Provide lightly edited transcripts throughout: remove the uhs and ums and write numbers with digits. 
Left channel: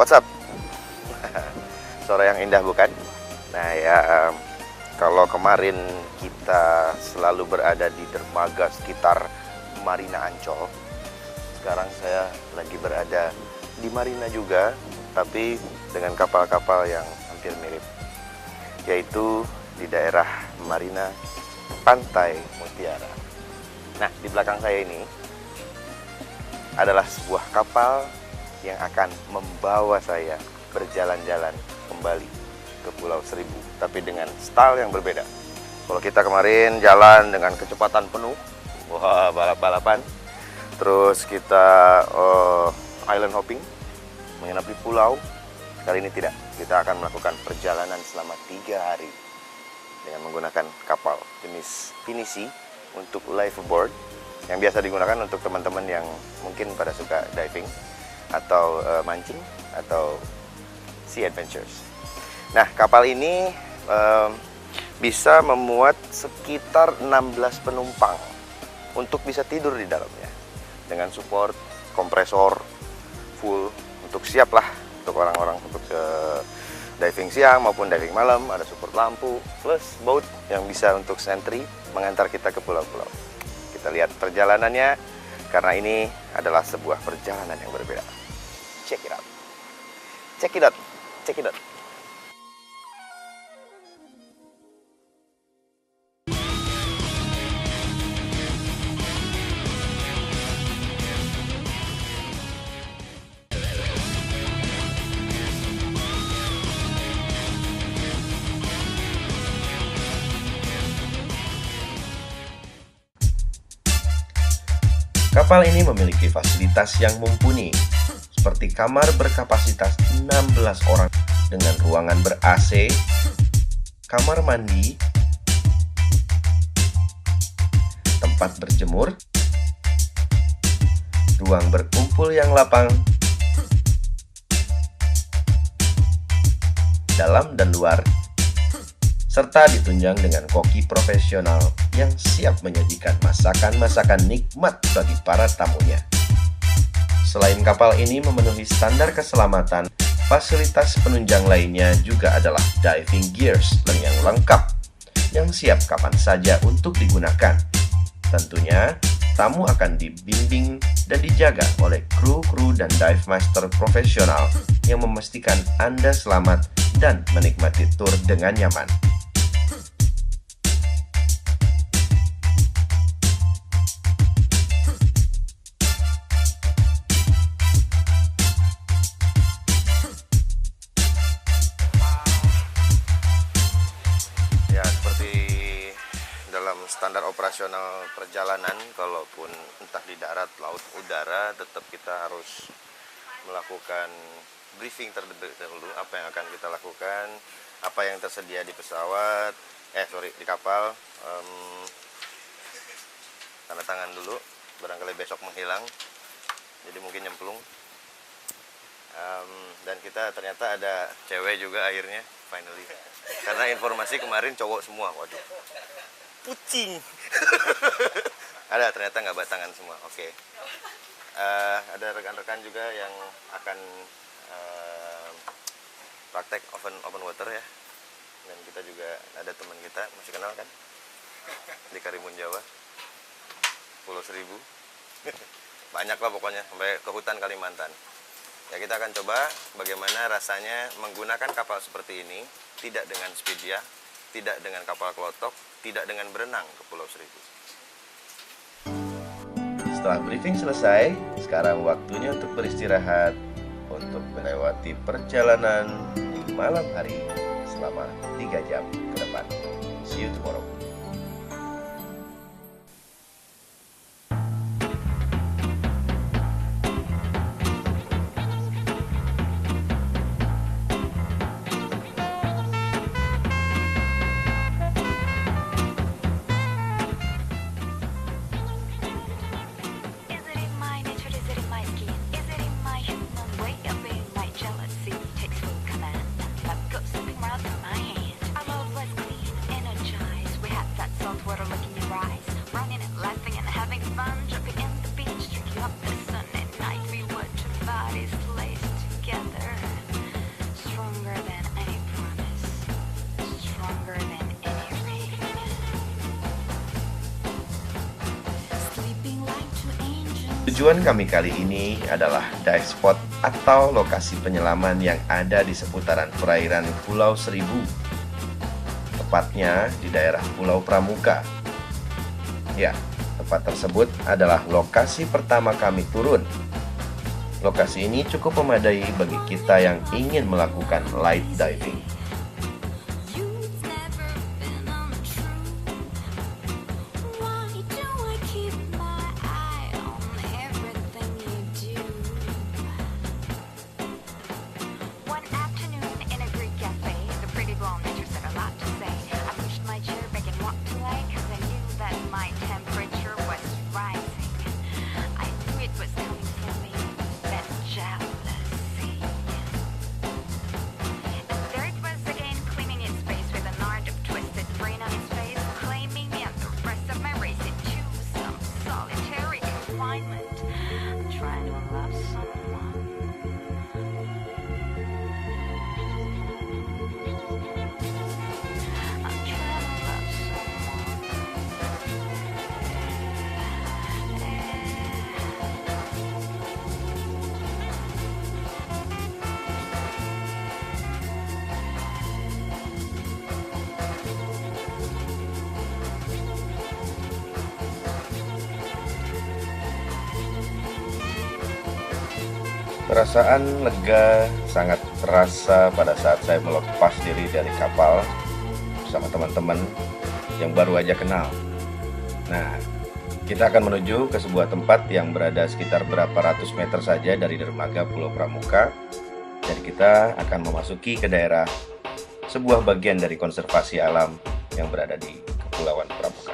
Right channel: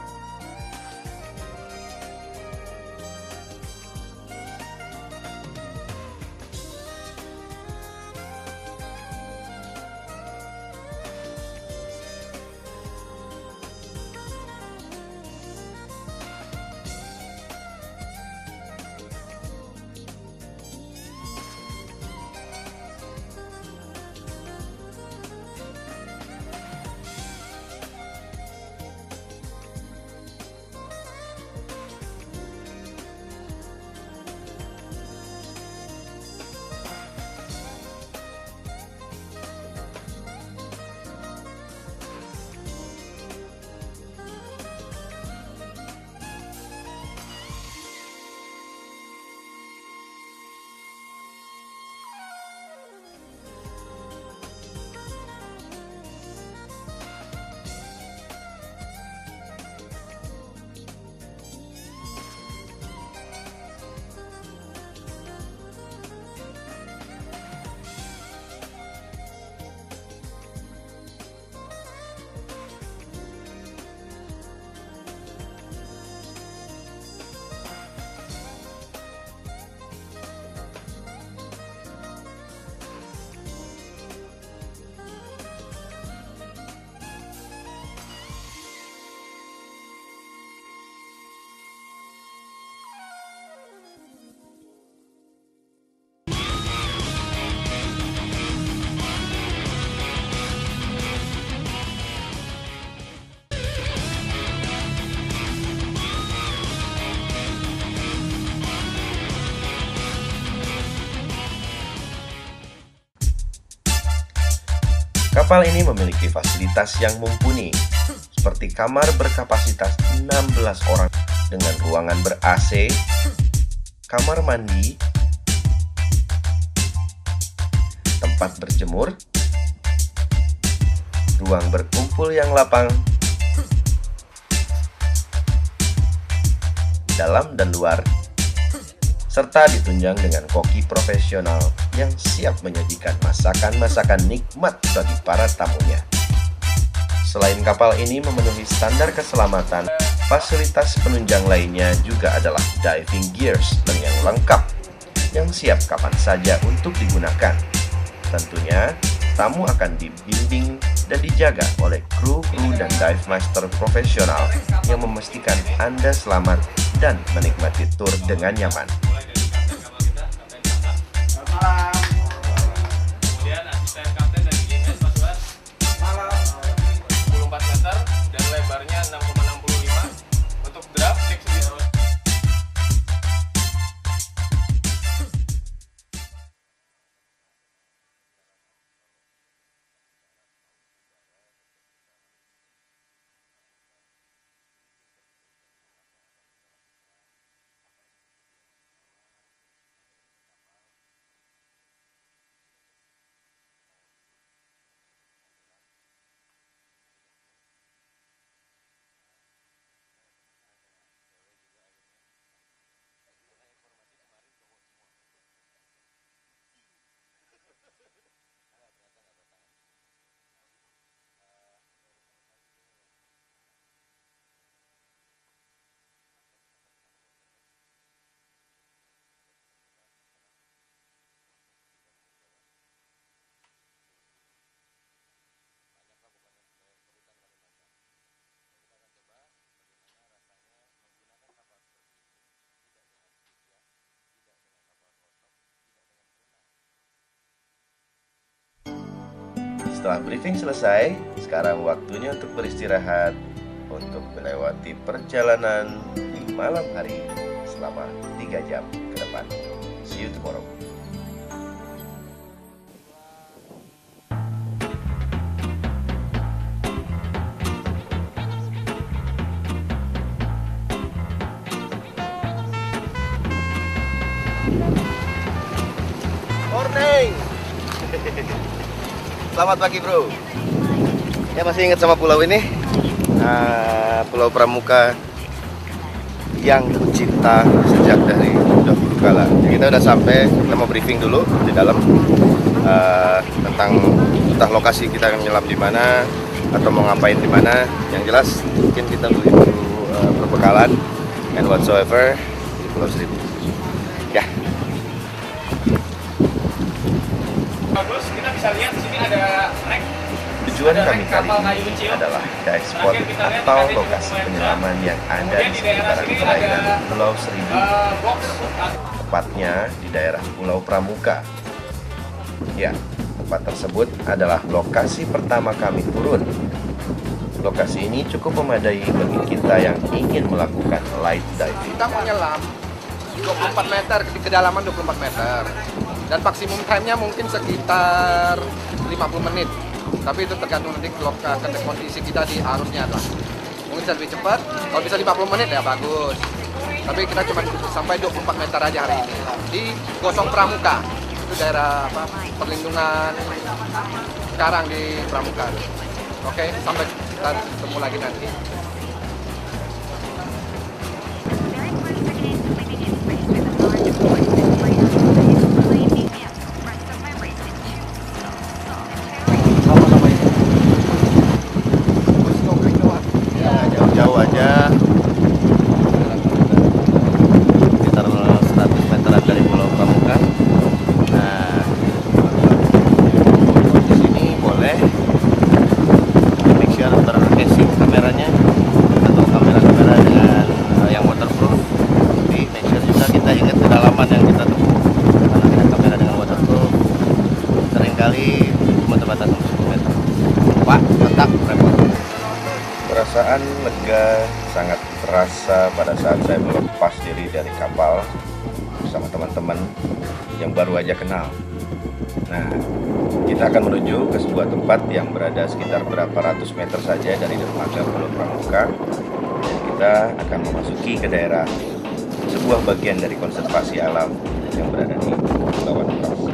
What's up? Suara yang indah bukan? Nah ya, kalau kemarin kita selalu berada di dermaga sekitar Marina Ancol, sekarang saya lagi berada di Marina juga, tapi dengan kapal-kapal yang hampir mirip, yaitu di daerah Marina Pantai Mutiara. Nah, di belakang saya ini adalah sebuah kapal yang akan membawa saya berjalan-jalan kembali ke Pulau Seribu, tapi dengan style yang berbeda. Kalau kita kemarin jalan dengan kecepatan penuh, wah, balap-balapan, terus kita island hopping, menginap di pulau. Kali ini tidak, kita akan melakukan perjalanan selama 3 hari dengan menggunakan kapal jenis pinisi untuk liveaboard, yang biasa digunakan untuk teman-teman yang mungkin pada suka diving atau mancing atau sea adventures. Nah, kapal ini bisa memuat sekitar 16 penumpang untuk bisa tidur di dalamnya dengan support kompresor full untuk siap lah untuk orang-orang untuk diving siang maupun diving malam. Ada support lampu plus boat yang bisa untuk sentry mengantar kita ke pulau-pulau. Kita lihat perjalanannya karena ini adalah sebuah perjalanan yang berbeda. Check it out. Check it out. Check it out. Kapal ini memiliki fasilitas yang mumpuni, seperti kamar berkapasitas 16 orang dengan ruangan ber-AC, kamar mandi, tempat berjemur, ruang berkumpul yang lapang, dalam dan luar, serta ditunjang dengan koki profesional yang siap menyajikan masakan-masakan nikmat bagi para tamunya. Selain kapal ini memenuhi standar keselamatan, fasilitas penunjang lainnya juga adalah diving gears yang lengkap, yang siap kapan saja untuk digunakan. Tentunya, tamu akan dibimbing dan dijaga oleh kru-kru dan dive master profesional yang memastikan Anda selamat dan menikmati tur dengan nyaman. Standar operasional perjalanan, kalaupun entah di darat, laut, udara, tetap kita harus melakukan briefing terlebih dahulu apa yang akan kita lakukan, apa yang tersedia di pesawat, di kapal. Tanda tangan dulu, barangkali besok menghilang, jadi mungkin nyemplung. Dan kita ternyata ada cewek juga akhirnya, finally. Karena informasi kemarin cowok semua, waduh. Pucing. Ada, ternyata nggak batangan semua. Oke. Ada rekan-rekan juga yang akan praktek open water ya. Dan kita juga ada teman kita, masih kenal kan? Di Karimun Jawa, Pulau Seribu. Banyak lah pokoknya, sampai ke hutan Kalimantan. Ya, kita akan coba bagaimana rasanya menggunakan kapal seperti ini, tidak dengan speed ya, tidak dengan kapal klotok, tidak dengan berenang ke Pulau Seribu. Setelah briefing selesai, sekarang waktunya untuk beristirahat, untuk melewati perjalanan di malam hari selama 3 jam ke depan. See you tomorrow. Selamat pagi bro. Saya masih ingat sama pulau ini, Pulau Pramuka yang tercipta sejak dari dahulu kala. Kita udah sampai, kita mau briefing dulu di dalam tentang entah lokasi kita akan nyelam di mana atau mau ngapain di mana. Yang jelas mungkin kita beli dulu bekalan and whatsoever di Pulau Seribu. Ya. Tujuan kami kali ini adalah dive spot atau lokasi penyelaman yang ada di seputaran perairan Pulau Seribu, tepatnya di daerah Pulau Pramuka. Ya, tempat tersebut adalah lokasi pertama kami turun. Lokasi ini cukup memadai bagi kita yang ingin melakukan light diving. Kita menyelam 24 meter, kedalaman 24 meter. Dan maksimum time-nya mungkin sekitar 50 menit. Tapi itu tergantung nanti kondisi kita di arusnya lah. Mungkin bisa lebih cepat, kalau bisa 50 menit ya bagus. Tapi kita cuma sampai 24 meter aja hari ini. Di Gosong Pramuka, itu daerah perlindungan sekarang di Pramuka. Oke, sampai kita ketemu lagi nanti. Jauh aja, sekitar 100 meter dari Pulau Pramuka. Nah, di sini boleh make sure tercasing kameranya atau kamera-kamera dengan yang waterproof. Jadi make sure juga kita ingat kedalaman yang kita tempuh. Karena dengan kamera dengan waterproof seringkali cuma terbatas 10 meter. Pak, tetap repot. Perasaan lega sangat terasa pada saat saya melepas diri dari kapal bersama teman-teman yang baru aja kenal. Nah, kita akan menuju ke sebuah tempat yang berada sekitar berapa ratus meter saja dari dermaga Pulau Pramuka, dan kita akan memasuki ke daerah sebuah bagian dari konservasi alam yang berada di Kepulauan Pramuka.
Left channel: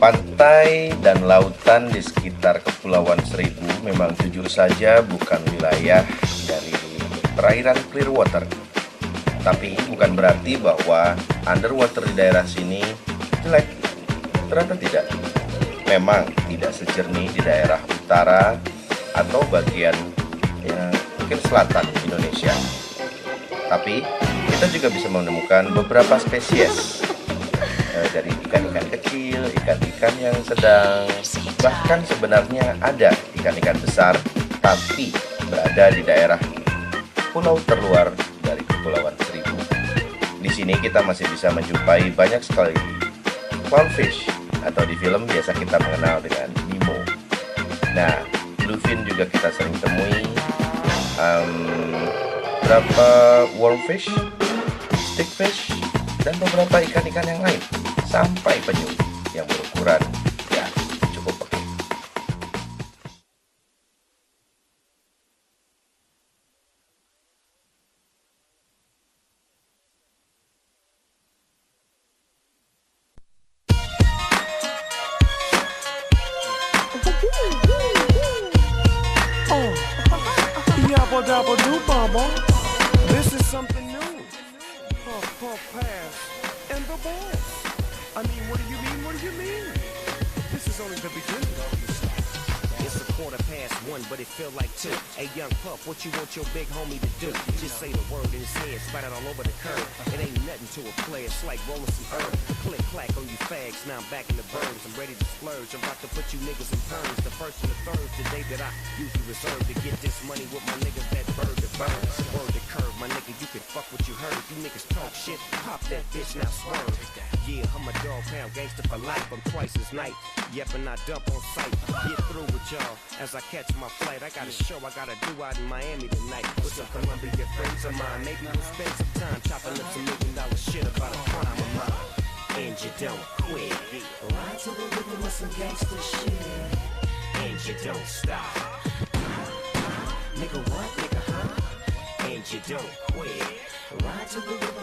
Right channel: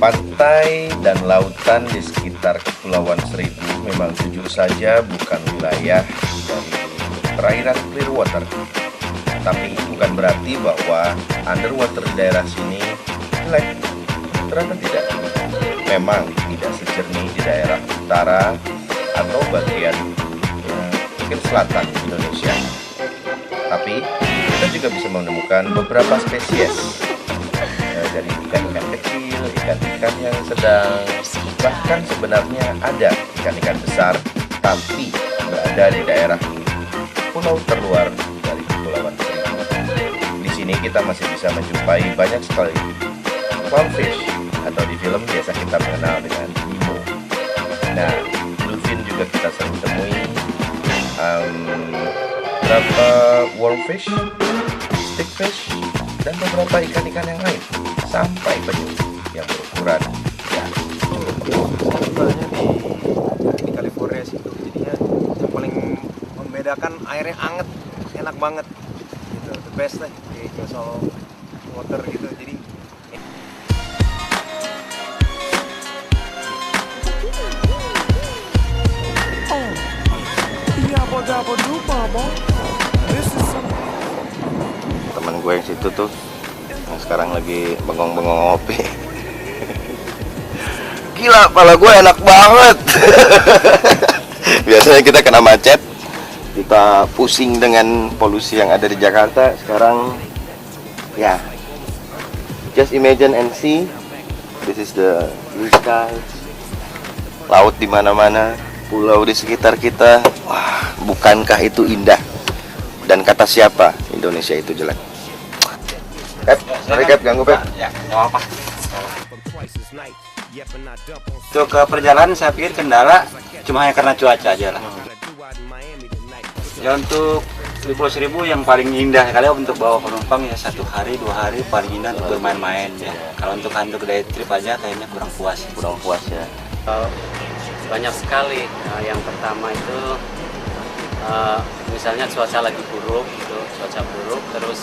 Pantai dan lautan di sekitar Kepulauan Seribu memang jujur saja bukan wilayah dari perairan Clearwater. Tapi bukan berarti bahwa underwater di daerah sini jelek. Ternyata tidak. Memang tidak sejernih di daerah utara atau bagian mungkin selatan Indonesia. Tapi kita juga bisa menemukan beberapa spesies dari ikan-ikan kecil, ikan-ikan yang sedang, bahkan sebenarnya ada ikan-ikan besar, tapi berada di daerah pulau terluar dari Kepulauan Seribu. Di sini kita masih bisa menjumpai banyak sekali clownfish, atau di film biasa kita mengenal dengan Nemo. Nah, bluefin juga kita sering temui, beberapa wormfish, stickfish, dan beberapa ikan-ikan yang lain, sampai penyu yang berukuran ya cukup besar. Di California sih, jadinya yang paling membedakan airnya anget, enak banget gitu, the best lah di Gosong Water gitu. Jadi temen gue yang situ tuh yang sekarang lagi bengong-bengong ngopi. Gila, pala gue enak banget. Biasanya kita kena macet, kita pusing dengan polusi yang ada di Jakarta. Sekarang ya, just imagine and see, this is the blue sky, laut di mana-mana, pulau di sekitar kita. Wah, bukankah itu indah? Dan kata siapa Indonesia itu jelek? Cap, sorry Cap, ganggu Cap. Ya, nggak apa. Untuk ke perjalanan saya pikir kendala cuma hanya karena cuaca aja lah. Ya untuk di Pulau Seribu yang paling indah kali untuk bawa penumpang ya 1 hari 2 hari paling indah untuk bermain-main ya. Kalau untuk day trip aja kayaknya kurang puas ya. Banyak sekali. Yang pertama itu misalnya cuaca lagi buruk, gitu, cuaca buruk, terus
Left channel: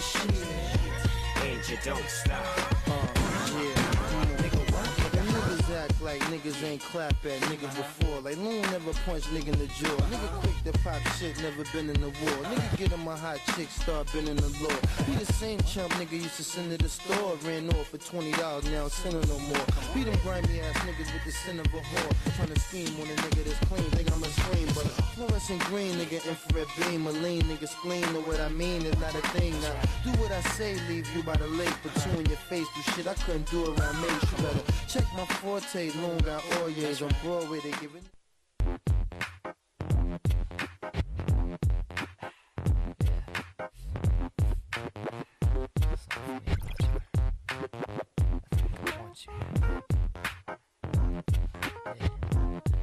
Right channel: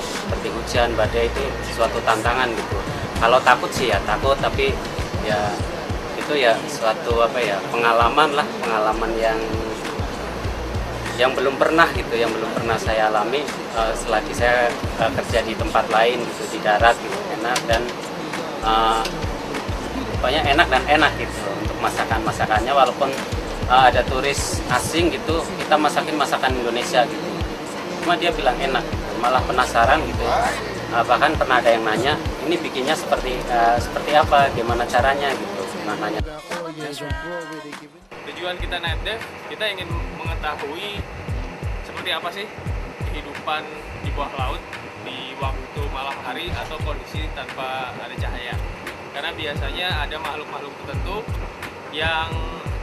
seperti hujan, badai itu suatu tantangan gitu. Kalau takut sih ya takut, tapi ya itu ya suatu pengalaman lah, pengalaman yang belum pernah gitu, yang belum pernah saya alami selagi saya kerja di tempat lain gitu, di darat gitu, enak dan pokoknya enak dan enak gitu untuk masakannya, walaupun ada turis asing gitu, kita masakin masakan Indonesia gitu. Cuma dia bilang enak, malah penasaran gitu. Bahkan pernah ada yang nanya, ini bikinnya seperti apa, gimana caranya gitu. Nanya. Tujuan kita naik dive, kita ingin mengetahui seperti apa sih kehidupan di bawah laut di waktu malam hari atau kondisi tanpa ada cahaya. Karena biasanya ada makhluk-makhluk tertentu yang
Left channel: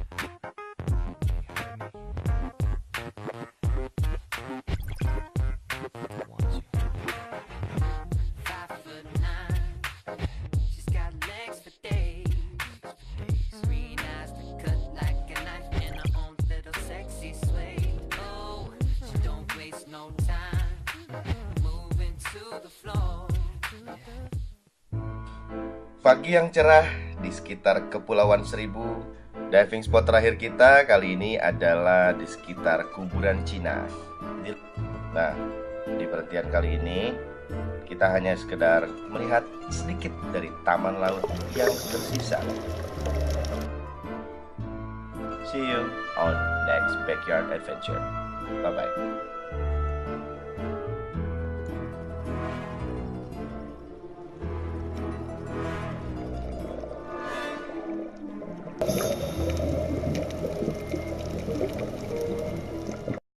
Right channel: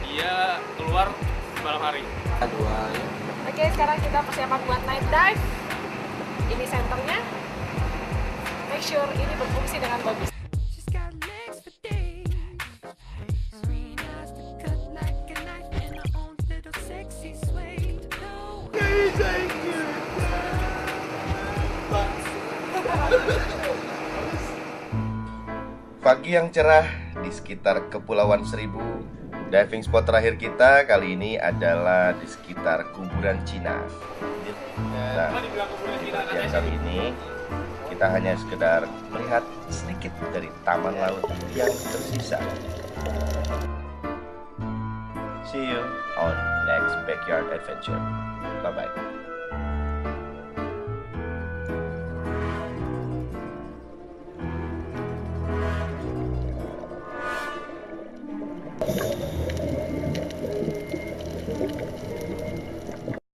dia keluar di malam hari. Oke, sekarang kita persiapan buat night dive. Ini senternya. Make sure ini berfungsi dengan bagus. Pagi yang cerah di sekitar Kepulauan Seribu. Diving spot terakhir kita kali ini adalah di sekitar kuburan Cina. Nah, di penelitian kali ini kita hanya sekedar melihat sedikit dari taman laut yang tersisa. See you on next backyard adventure. Bye bye.